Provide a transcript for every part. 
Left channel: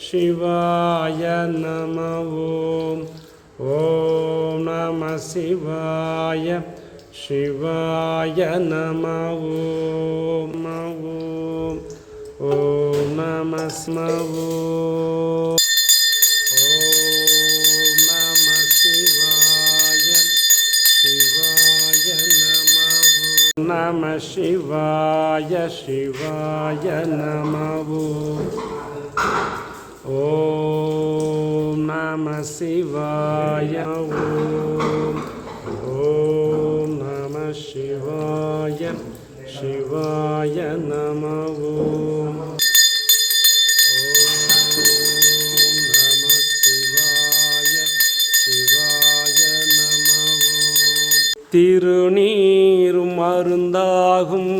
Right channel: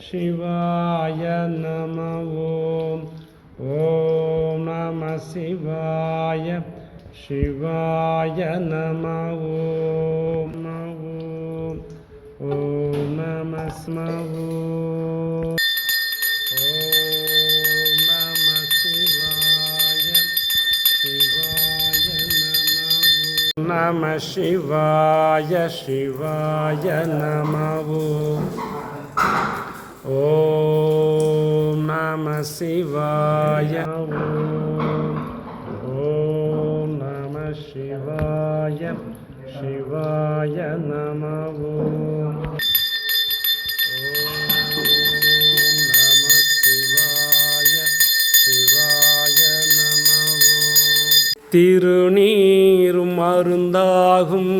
शिवाय नम ॐ नम नमः शिवाय। शिवाय नम ॐ ॐ नमः स्म नम शिवाय। शिवाय नमो ஓம் நம சிவாய ஓம் ஓம் நம சிவாய சிவாய நம ஓம் திருநீரும் அருந்தாகும்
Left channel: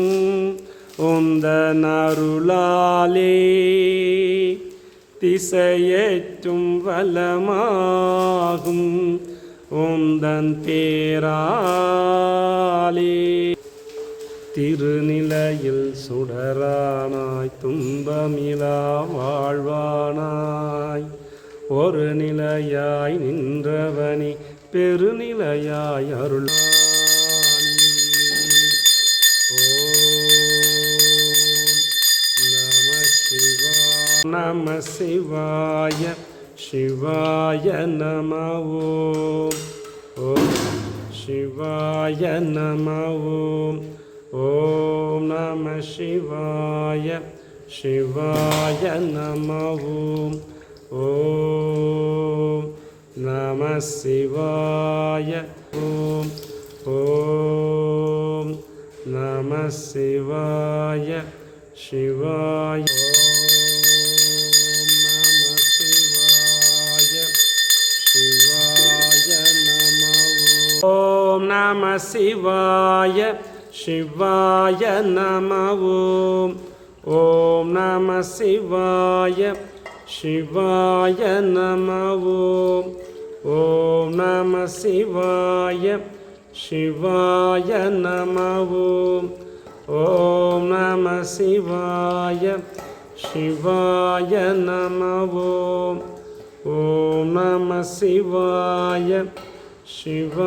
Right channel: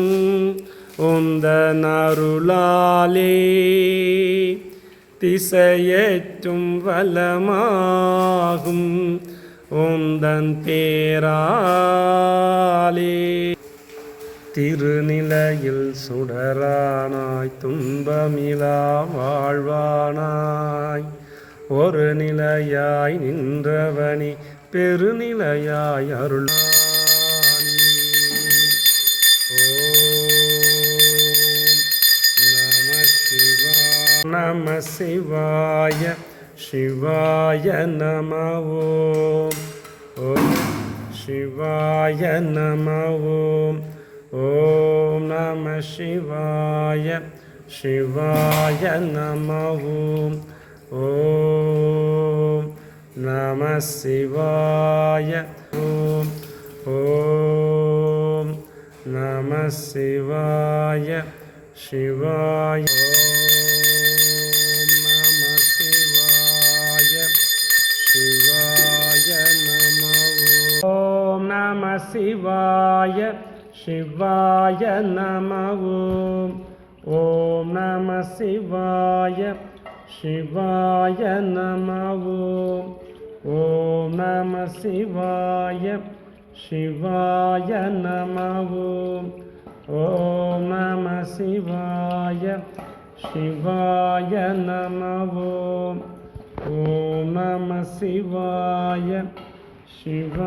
உந்த நருளாலே திசையேற்றும் வலமாகும் உந்தன் தேராலே திருநிலையில் சுடரானாய் துன்பமிலா வாழ்வானாய். ஒரு நிலையாய் நின்றவனி பெருநிலையாய் அருள் नम शिवाय शिवाय नम। ॐ शिवाय नम। ॐ नमः शिवाय शिवाय नम। ॐ नम शिवाय। ॐ ॐ शिवाय शिवाय। ஓம் நம சிவாய சிவாய நம ஓம் ஓம் நம சிவாய சிவாய நம ஓம் ஓம் நம சிவாய சிவாய நம ஓம் ஓம் நம சிவாய சிவாய நம ஓம் ஓம் நம சிவாய சிவா